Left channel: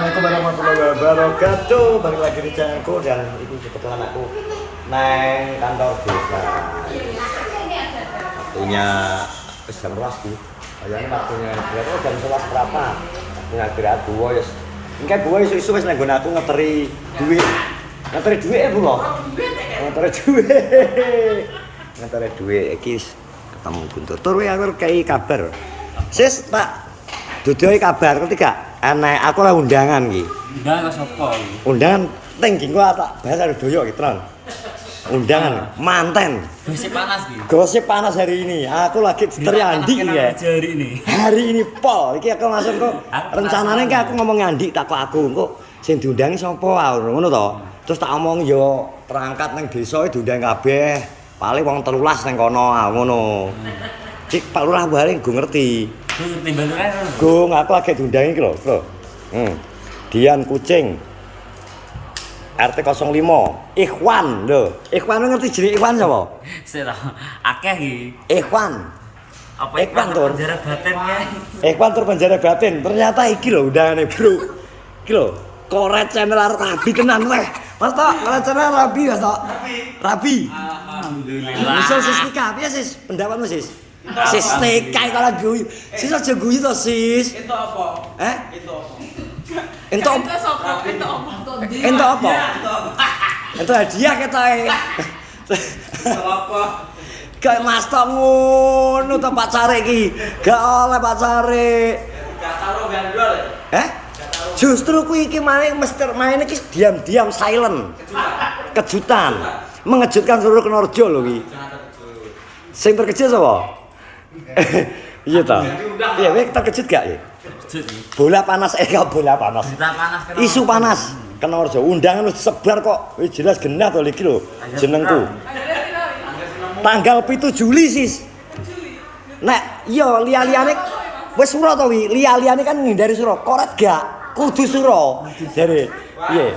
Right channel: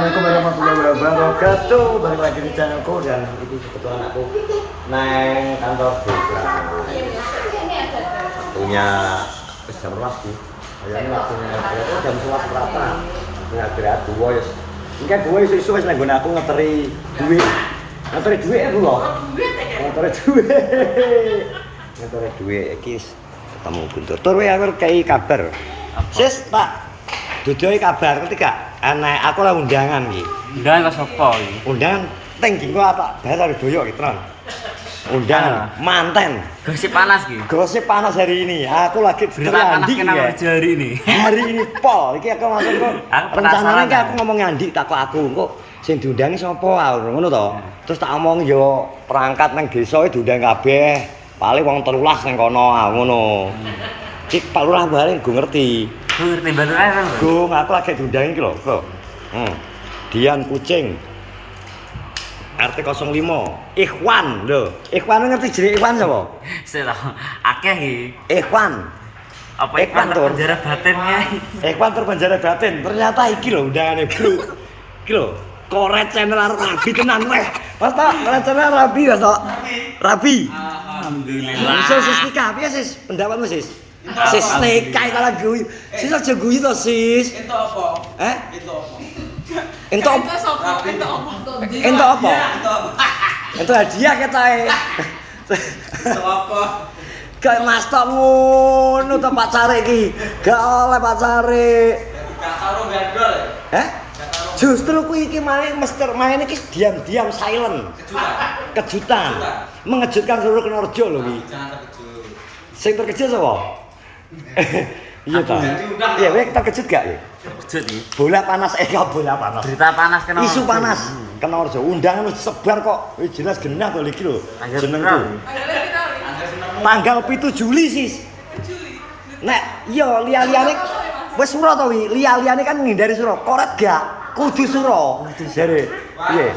Assalamualaikum warahmatullahi wabarakatuh. Balik lagi di channelku dan ini kebetulan aku neng kantor desa. Waktunya jam berapa sih? Kayaknya waktunya berapa? Jam 11 berapa? Waktunya istirahat dua ya. Ini kan dua isu-isu wis nang aku ngeteri duit. Ngeteri duit ya, Bro. Ngeteri duit. Ngeteri duit iki ketemu Guntur. Tur wae aku kei kabar. Sis, tak dudoi kabar ketiga. Anak aku lah undangan iki. Undangan ke sapa iki? Undangan teng jengko tak bahas doyok iki, Tron. Undangan manten. Gosip panas iki. Gosip panas hari ini. Aku lagi terandi ya. Hari ini. Hari ini pol. Iki aku langsung kok rencanane ki aku ngomong Andi takok aku kok sing diundangi sapa ngono to. Terus tak omong yo perangkat nang desa diundang kabeh. Paling wong 13 nang kono ngono. Cik Pak Lurah bareng go ngerti. Go ngerti Mbak Lurah kan? Gung, aku lagi diundangi iki lho, Bro. Dian Kucing. RT 05. Ikhwan lho. Ikhwan ngerti jenenge Ikhwan sapa? Sik to. Akeh iki. Ikhwan. Apa Ikhwan tur? Penjara batinnya. Ikhwan tur penjara batin. Ternyata iki lho undangane, Bro. Iki lho. Koret channel arep rabi tenan weh. Mas tok, koret channel rabi Mas tok. Rabi. Alhamdulillah. Sis Tika, piye sis? Pendapatmu sis? Sis Tika kalau guyu. Sis aja guyu to sis. Itu apa? Itu apa? Entuk Itu apa? Itu apa? entuk apa? Itu apa? Entuk hadiah ketoke. Itu apa? Kayak Mas tok ngono to pacare iki. Gak oleh pacare. Gak tahu gandol. Justru kuwi iki main iki diam-diam silent. Kejutan. Mengejutkan seluruh Kenorjo lho kuwi. Jangan terkejut. Sing terkejut sapa? Iya ta. Iya, kowe terkejut gak ya? Kejut iki. Bola panas bola panas. Berita panas kena. Isu panas. Kenorjo undangan wis sebar kok. Wis jelas genah to iki lho jenengku. Tanggal 7 Juli sis. Nek iya liya-liyane wis sura to wi. Liya-liyane kan ngindari sura. Koret gak? Kudu sura. Jare. Iya.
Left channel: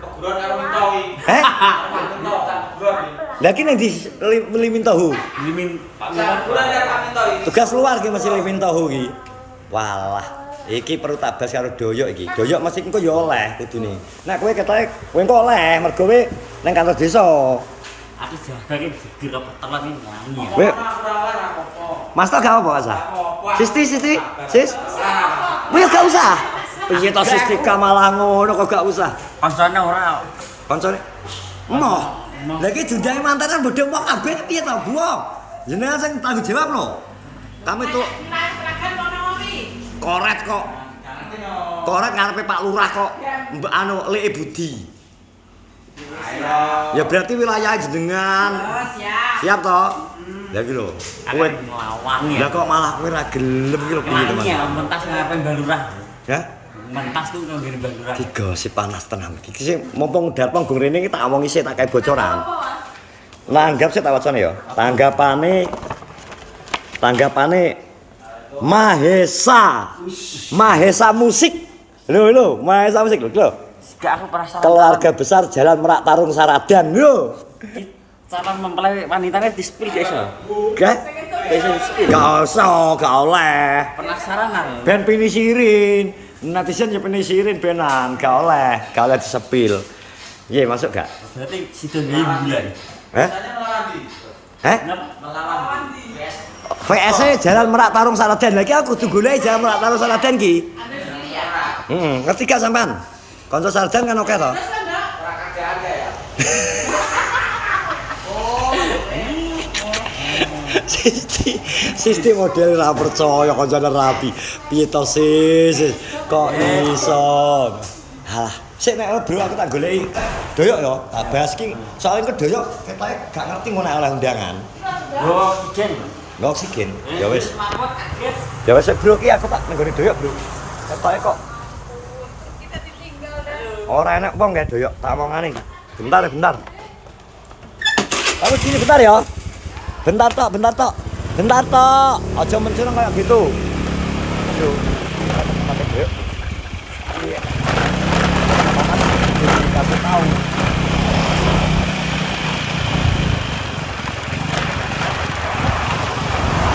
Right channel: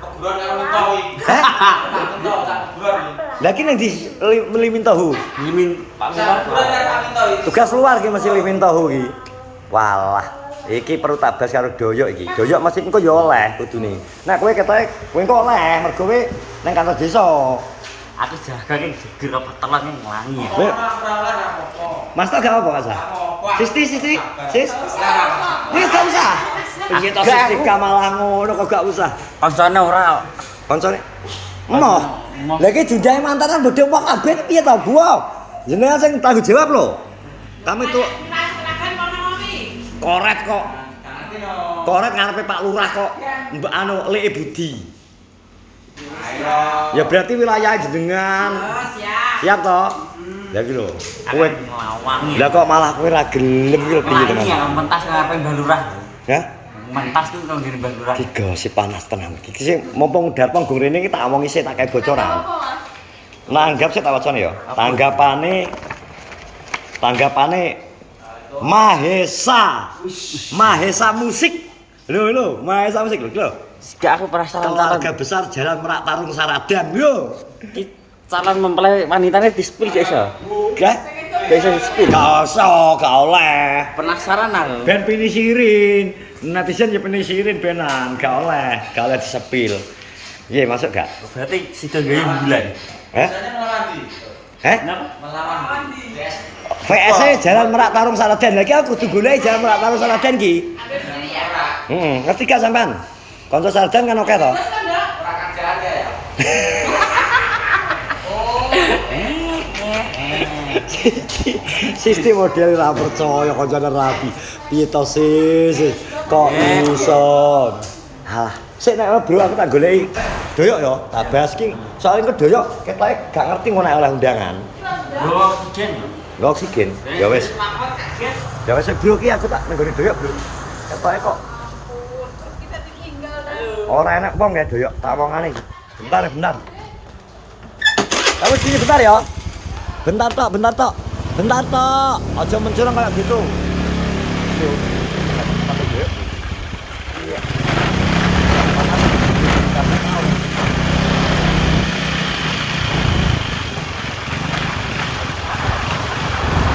Peguran karo mentowi. Mentau tak peguran. Lah ki nang di Limin Tahu. Limin Pak Peguran karo mentowi. Tugas luar ki masih Limin Tahu ki. Walah, iki perlu tabas karo doyok iki. Doyok mesti engko ya oleh kudune. Nek kowe ketoke kowe engko oleh mergo kowe nang kantor desa. Aku jaga ki geger apa telan iki nglangi. Kowe Mas tok gak apa Kak? Sisti. Sis. Wis gak usah. Piye to Sisti malah ngono kok gak usah. Kancane ora. Koncone. Emoh. Lah iki diundang mantanan bodho mok kabeh piye to, Bu? Jenengan sing tanggung jawab lho. Kami tuh koret kok. Koret ngarepe Pak Lurah kok. Mbak anu Lek Budi. Ya berarti wilayah jenengan. Siap toh? Lah iki lho. Kowe nglawangi. lah kok malah kowe ra gelem iki lho piye, Teman? Iya, mentas ngarepe Mbak Lurah. Hah? Mentas ku karo ngene Mbak Lurah. Iki gosip panas tenan. Iki sing mumpung Darpong Gung rene iki tak omongi sik tak kae bocoran. Nanggap sik tak wacane ya. Tanggapane Mahesa musik. Lho, Mahesa musik lho. Gak aku perasaan Keluarga besar Jalan Merak Tarung Saradan. Yo. calon mempelai wanitanya di-spill gak iso. Gak? Gak iso di-spill. Gak oleh. Penasaran aku. Ben penisirin. Netizen ya penisirin benan, gak oleh di-spill. Iya, masuk gak? Berarti sido gawe bulan. Biasanya melawan di. Kenapa? Melawan di. VS Jalan Merak Tarung Saradan. Lagi aku kudu golek Jalan Merak Tarung Saradan ki. Ngerti gak sampean? Kanca Saradan kan oke to? Ora kerja aja ya. Sistem model ra percaya kancane rapi. Piye to sis? Kok iso? Halah, sik nek bro aku tak goleki doyok ya, tak bahas ki. Soale engko doyok ketoke gak ngerti ngono oleh undangan. Lho oksigen. Lho oksigen. Ya wis. Ya wis bro ki aku tak nenggone doyok, Bro. Ketoke kok ora enak wong kae doyok, tak omongane. Bentar. Kamu sini bentar ya. Bentar tok. Aja mencurang kayak gitu. Yo. Pakai doyok. Iya. Panas dikasih tahu.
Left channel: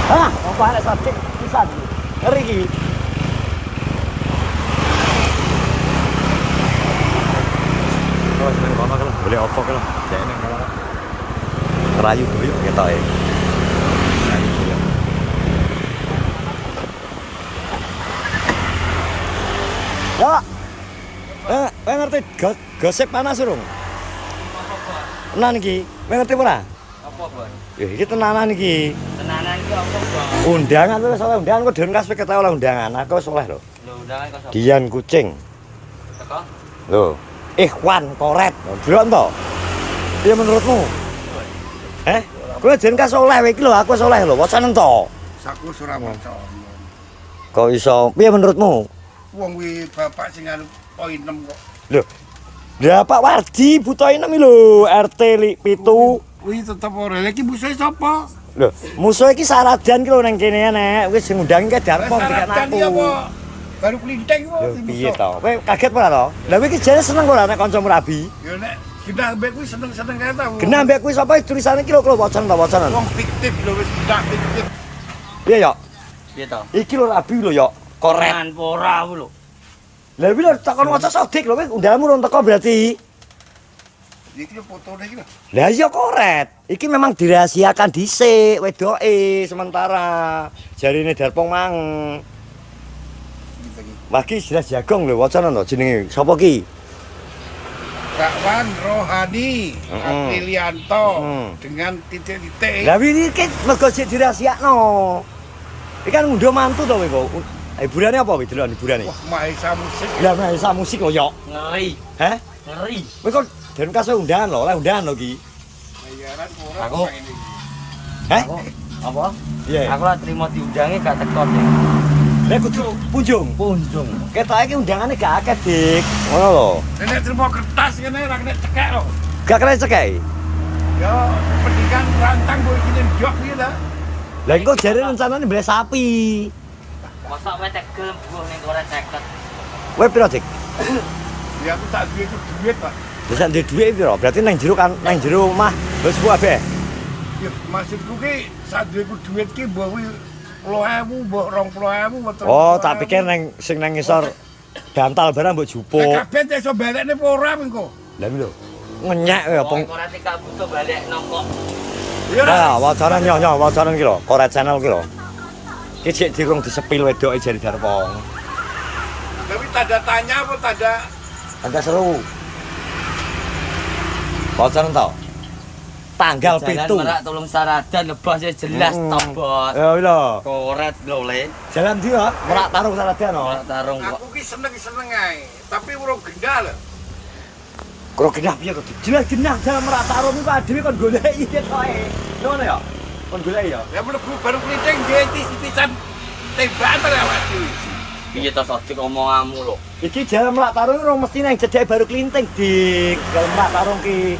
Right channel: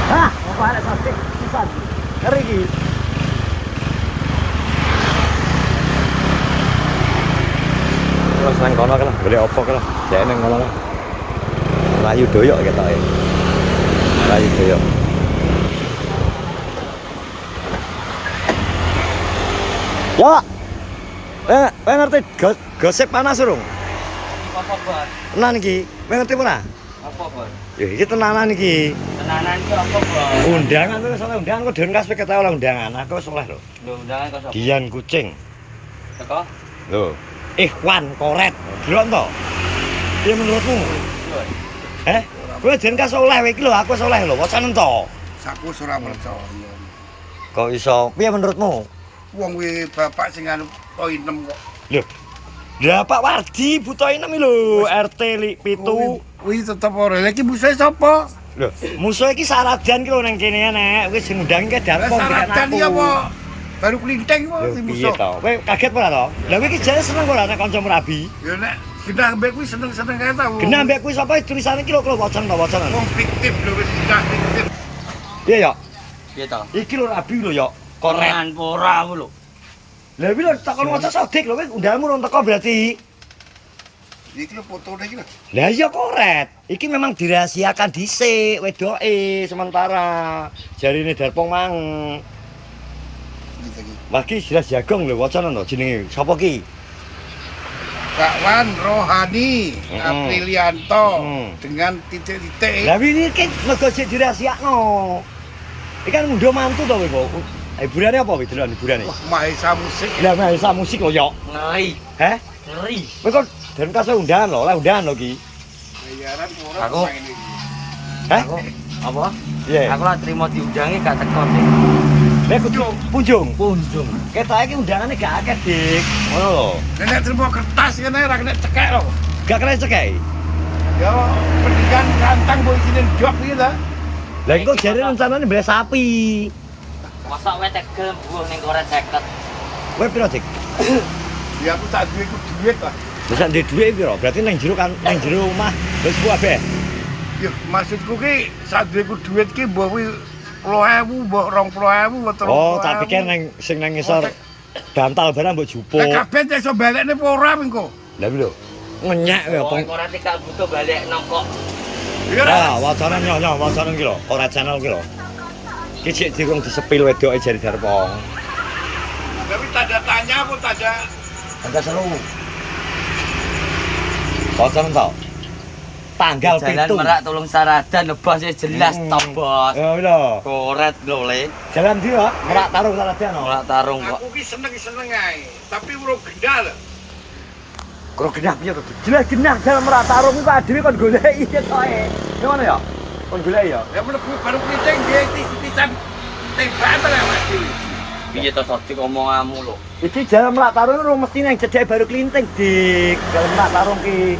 Hah, mau balik sate pisan. Ngeri iki. terus nang kono kan golek opo kan jek nang kono rayu doyok ketoke rayu doyok ya ngerti gosip panas urung Apa, Bor? tenan iki ngerti ora Apa, Bor? ya iki tenanan iki Tenanan iki apa, Bor? undangan lu salah undangan kok den kas ketawa oleh undangan aku wis oleh lho Lho, undangan kok sapa? Dian Kucing Teko? lho Ikhwan Koret delok to piye menurutmu kowe den kas oleh iki lho aku wis oleh lho wacan to Saku ora percaya. kok iso piye menurutmu Wong kuwi bapak sing anu poin 6 kok. lho ya Pak Wardi butoin iki lho RT 7 Kuwi tetep ora. Lah iki musuhe sapa? lho musuh iki Saradan ki lho nang kene nek wis ngundang ke Darpong dikek Saradan aku iki apa? Baru klinting apa lho si piye musuh? to kowe kaget ora to lha kowe iki jane seneng ora nek kanca Merabi Ya nek genah mbek kuwi seneng-seneng kae ta. genah mbek kuwi sapa tulisane iki lho wacan to wacanan Wong fiktif lho wis tidak fiktif. piye ya Piye to? iki lho Rabi lho ya koret Tenan ora aku lho. lha iki lho takon waca sodik lho kowe undanganmu urung teko berarti Iki lho fotone iki lho. lah iya koret iki memang dirahasiakan dhisik wedoke sementara jarine Darpong mang Gitu iki. Maki jelas jagong lho wacanan to jenenge sapa ki Bakwan Rohani Aprilianto Mm. dengan titik-titik. lah ini ki mergo sik dirahasiakno iki kan ngunduh mantu to kowe kok hiburane apa kowe delok hiburane Wah, Mahesa musik. lah mahesa musik lho yo Ngeri. heh Ngeri. kowe kok den kasih undangan lho oleh undangan lho ki Bayaran ora Aku- main iki. heh Aku apa? piye Aku lah terima diundangi gak teko deh. lek kudu punjung Kunjung. ketoke ki undangane gak akeh dik ngono lho Nek terima kertas kene ora kena cekek lho. gak kena cekek Ya pendidikan rantang mbok isine job iki ta. lah kok jare rencanane beli sapi Masa kowe tegel mbuh ning koret 50. kowe piro dik Ya aku tak duwe ku duit lah. lha sak ndek dhuwit piro berarti nang jero kan nang jero omah wis sepuh kabeh Ya maksudku ki sak duwe ku duit ki mbok kuwi 10.000, mbok 20.000, mbok 30.000. oh tak pikir nang sing nang ngisor bantal barang mbok jupuk Lah kabeh iso balekne apa ora mengko? lah lho ngenyek ya Wong koret iki gak butuh balik nongkok. Nah, wacanan yo wacanan ki lho, Koret Channel ki lho. Iki cek dirung disepil wedoke jari Darpong. Tapi tanda tanya apa tanda Angka seru. Wacanan to. Tanggal Jalan 7. Merak Tulung Saradan lebas jelas to, Bos. Ya lho. Koret lho, Le. Jalan ndi ya? Merak Tarung Saradan lho. Ora tarung kok. aku ki seneng-seneng ae. Tapi urung gendal. Kro genah piye kok? Jelas genah jalan Merak Tarung iku adewe kon goleki ketoke. Ngono ya? Kon goleki ya. Ya mlebu baru klinting nggih titisan tembak to ya mati. Piye to sodik omonganmu lho. Iki jalan Merak Tarung urung mesti nang jedhek baru klinting, Dik. Jalan Merak Tarung ki.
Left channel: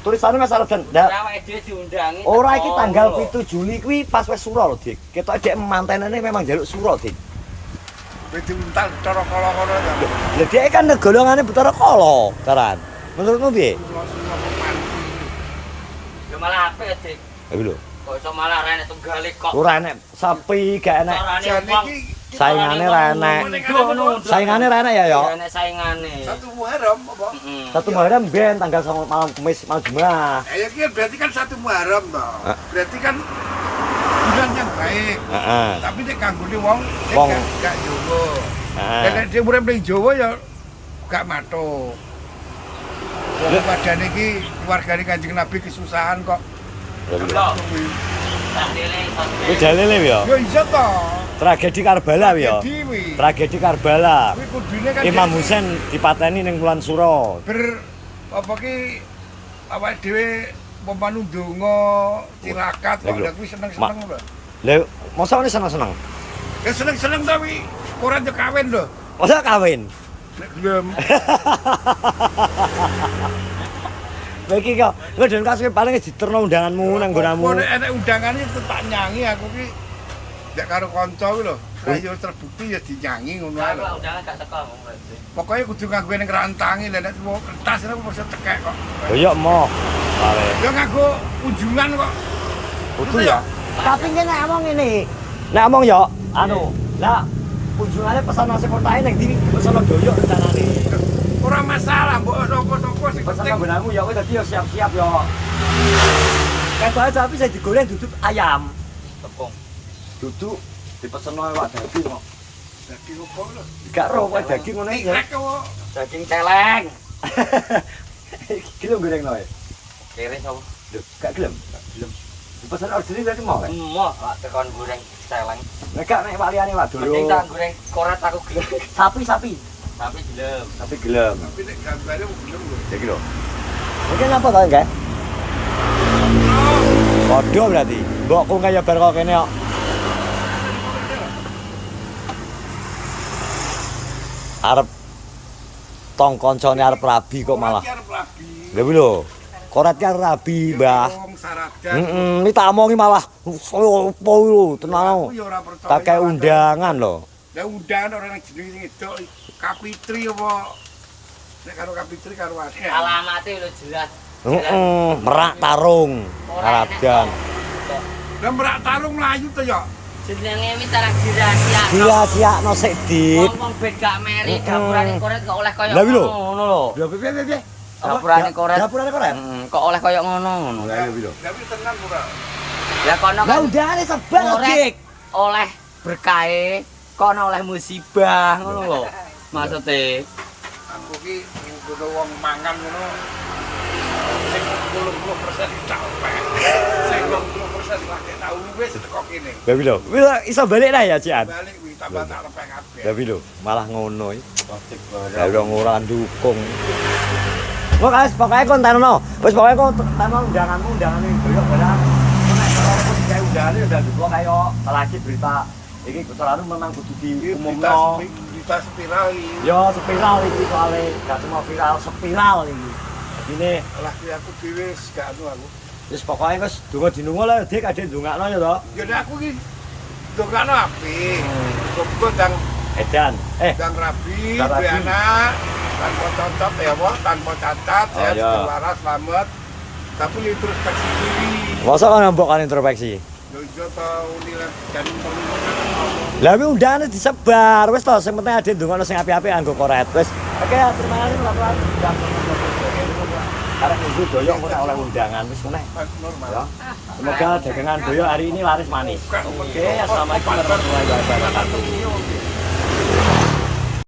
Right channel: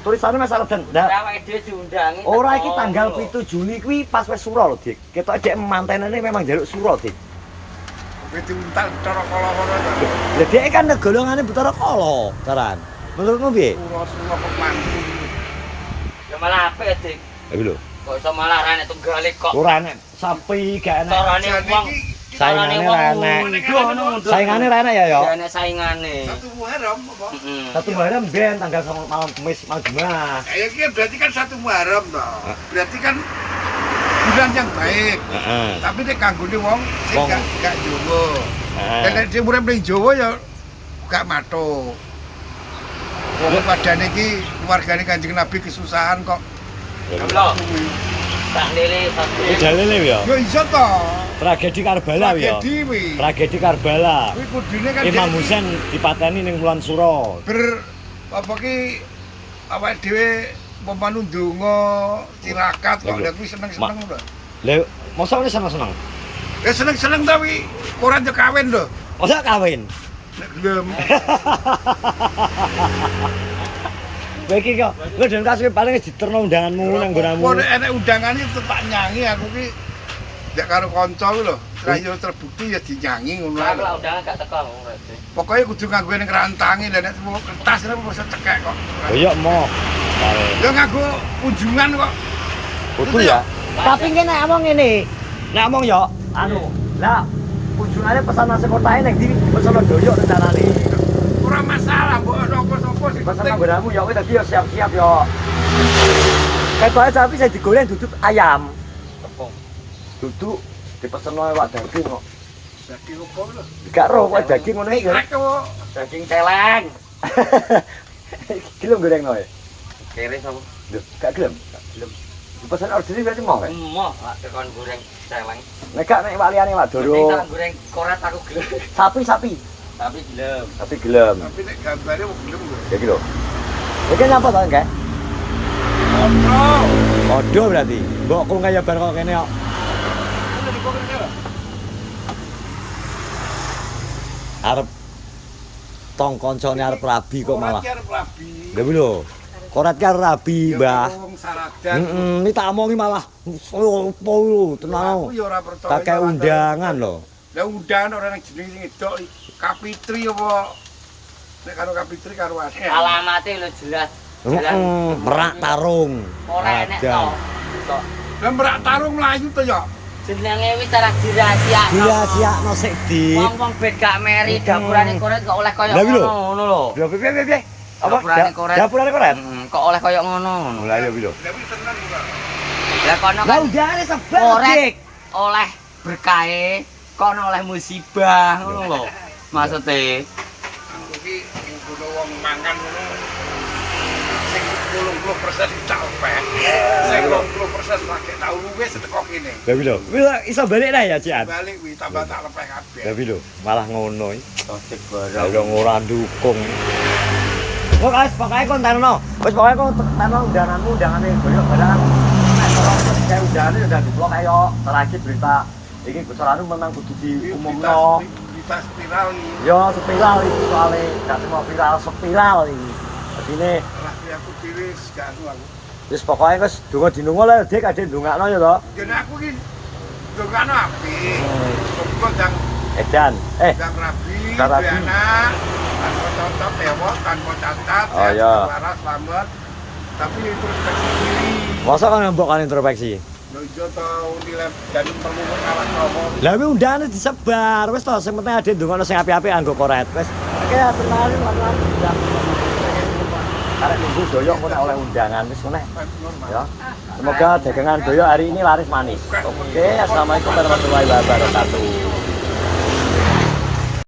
Tulisannya Mas Saradan. Ora awake dhewe diundangi. Ora iki tanggal 7 Juli kuwi pas wis sura lho, Dik. Ketoke dek mantenane memang njaluk sura, Dik. Wis diuntal cara kala-kala ta. Lah dhek kan golongane Bathara Kala, Taran. Menurutmu piye? Sura-sura kok mantu. Ya malah apik, Dik. Iki lho. Kok iso malah rene tunggale kok. Ora enek sapi, gak enek. Carane Jane wong. iki Saingane ra enek. Saingane Saingane ra enek ya, yo. enek saingane. satu Muharram apa? Heeh. Satu Muharram ben tanggal 9 malam Kamis malam Jumat. Ya iki berarti kan satu Muharram toh. Berarti kan bulan yang baik. Heeh. Tapi nek kanggone wong sing Wong. gak Jawa. Heeh. Dan nek sing urip ning Jawa ya gak matuk. Wong padane iki keluargane Kanjeng Nabi kesusahan kok. Kuwi. Tak lele Kuwi sodik. dalile ya. Ya iso to. Tragedi Karbala ya. Tragedi kuwi. Tragedi Karbala. Kuwi kudune kan Imam dia Husain dipateni ning Wulan Sura. apa ki awake dhewe pemanu ndonga tirakat kok Lha, lha kuwi seneng-seneng lho. Lah, mosok ini seneng-seneng. Ya seneng-seneng tapi ora yo kawin lho. Mosok kawin. Nek gelem. Kowe iki kok ngeden kasih paling diterno undanganmu nang nggonamu. Nek enek undangan iki tetep nyanyi aku ki nek karo kanca kuwi lho. Ra yo terbukti ya dinyanyi ngono ae lho. Kalau undangan gak teko. Pokoknya kudu nganggo ning rantange lha nek mau kertas ora bisa cekek kok. Lah iya moh. Pare. Ya nganggo kunjungan kok. Kudu ya. Tapi ki nek omong ngene. Nek omong ya anu, lah kunjungane pesan nasi kotae ning ndi pesono doyok rencanane. Ora ora masalah, mbok sapa-sapa sing Pesan penting. nggonanmu ya wis dadi ya siap-siap ya. Ketoke tapi saya digoreng duduk ayam. Tepung. Duduk dipeseno wak daging kok. Dadi opo lho? Gak ro wak daging ngono iki. Aku Daging celeng. Iki lho goreng no ya. Kere sapa? Lho, gak gelem. Gelem. Pesan order berarti mau kan? Emoh, lak tekan goreng celeng. Nek gak nek waliane wak Penting tak doro. goreng koret aku gelem. Sapi. Tapi gelem. Tapi gelem. tapi nek gambare wong gelem kowe. Ya iki lho. Iki nyapa to, Kak? Kontrol. Padha berarti. Mbokku kaya bar kok kene kok. Ana di pokok kene. Arep tong koncone arep rabi kok malah. Arep rabi. Lha kuwi lho. Koret ki arep rabi, Mbah. Wong sarajan. Iki tak omongi malah opo yo Aku tenan. ya ora percaya. Kakek undangan lho. Lah undangan ora nang jenenge sing edok Kapitri apa? Nek karo Kapitri karo ade. Alamate lho jelas. Merak tarung. Aradan. Lah merak tarung mlayu to ya. Jenenge wis tarang dirahasia. Dirahasikno sik, Dik. Wong-wong bet gak meri dapurane koret kok oleh koyo Lah, wi lho. ngono lho. Lho piye? Dapurane koret. Dapurane koret. Kok oleh koyo ngono. Lah ya wi lho. Lah kuwi tenan ora? Lah kono Lah kan undangane sebar, koret Dik. oleh berkahe, kono oleh musibah ngono lho. Maksude Aku ki sing kudu wong mangan ngono. Sing 80% tak lepek. Sing 20% lagi tau wis teko kene. Lah wi lho. Wis iso balik lah ya, Cian. Balik kuwi tambah tak lepek kabeh. Lah wi lho, malah ngono iki. Tosik Lah wong ora ndukung. Kok guys, pokoke kon tanono. Wis pokoke kon tanono undanganmu, undangane goyok barang. Kok nek ora kok digawe undangane ya dadi kok kaya lagi berita iki bocorane memang kudu diumumno. Kita spiral iki. Yo spiral iki soalé gak cuma viral, spiral iki. Adine Lah kuwi aku dhewe gak anu aku. wis pokoke wis donga dinungo lah Dik, kadhe ndongakno ya to. Ya nek aku ki dongano apik. Muga kang Edan. kang rabi, Rabi. anak, tanpa cacat ewok, tanpa cacat, Oh, iya. waras, selamat. Tapi introspeksi diri. Masa kan mbok kan introspeksi. Lho ijo tau nilai janem telu wong arah ngomong. Lah wi undangane disebar wis to sing penting ade ndongakno sing apik-apik anggo koret wis. Oke, terima kasih teman-teman sudah menonton video ini. Karek nunggu doyok kok nek oleh undangan wis meneh. Normal. Ya. Semoga dagangan doyok hari ini laris manis. Oke, assalamualaikum warahmatullahi wabarakatuh.